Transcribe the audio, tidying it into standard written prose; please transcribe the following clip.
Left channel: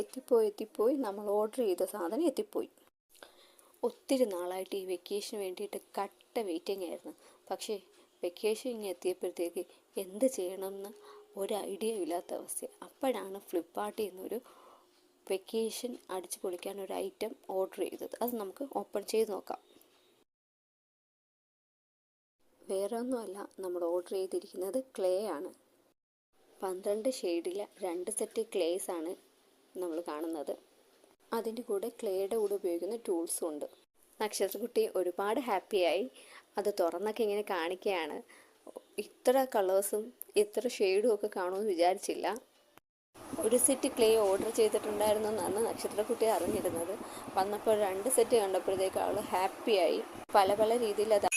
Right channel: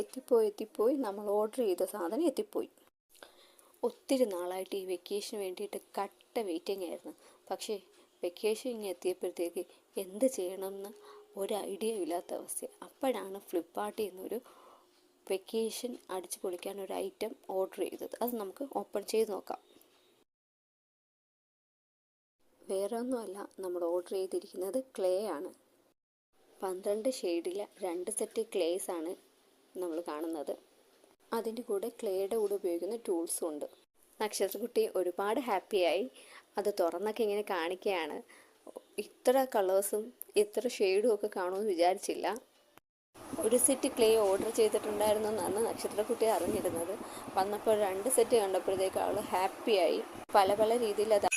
എത്തിപ്പോയി നമ്മൾ ഓർഡർ ചെയ്ത സാധനം എത്തിപ്പോയി. ഒത്തിരി നാളായിട്ട് ഈ വെക്കേഷന് വേണ്ടിയിട്ട് കട്ട വെയിറ്റിംഗ് ആയിരുന്നു. പക്ഷേ വെക്കേഷൻ ഇങ്ങനെ എത്തിയപ്പോഴത്തേക്ക് എന്ത് ചെയ്യണമെന്ന് ഒരു ഐഡിയ ഇല്ലാത്ത അവസ്ഥ. അപ്പോഴാണ് ഫ്ലിപ്കാർട്ടിൽ നിന്നൊരു വെക്കേഷൻ അടിച്ചു പൊളിക്കാൻ ഒരു ഐറ്റം ഓർഡർ ചെയ്തത്. അത് നമുക്ക് ഓപ്പൺ ചെയ്ത് നോക്കാം. വേറെ ഒന്നുമല്ല, നമ്മൾ ഓർഡർ ചെയ്തിരിക്കുന്നത് ക്ലേ ആണ്. 12 ഷെയ്ഡിലെ 2 സെറ്റ് ക്ലേസ് ആണ് നമ്മൾ കാണുന്നത്. അതിൻ്റെ കൂടെ ക്ലേയുടെ കൂടെ ഉപയോഗിക്കുന്ന ടൂൾസും ഉണ്ട്. നക്ഷത്രക്കുട്ടി ഒരുപാട് ഹാപ്പിയായി. അത് തുറന്നൊക്കെ ഇങ്ങനെ കാണിക്കുകയാണ്. ഇത്ര കളേഴ്സും ഇത്ര ഷെയ്ഡും ഒക്കെ കാണുമെന്ന് വിചാരിച്ചില്ല. ഒരു സെറ്റ് ക്ലേ ഓർഡർ ചെയ്തിട്ടുണ്ടായിരുന്നു എന്നാണ് നക്ഷത്രക്കുട്ടി അറിഞ്ഞിരുന്നത്. വന്നപ്പോൾ 2 സെറ്റ് കണ്ടപ്പോഴത്തേക്ക് അവൾ ഹാപ്പിയായി. പല രീതിയിൽ അത്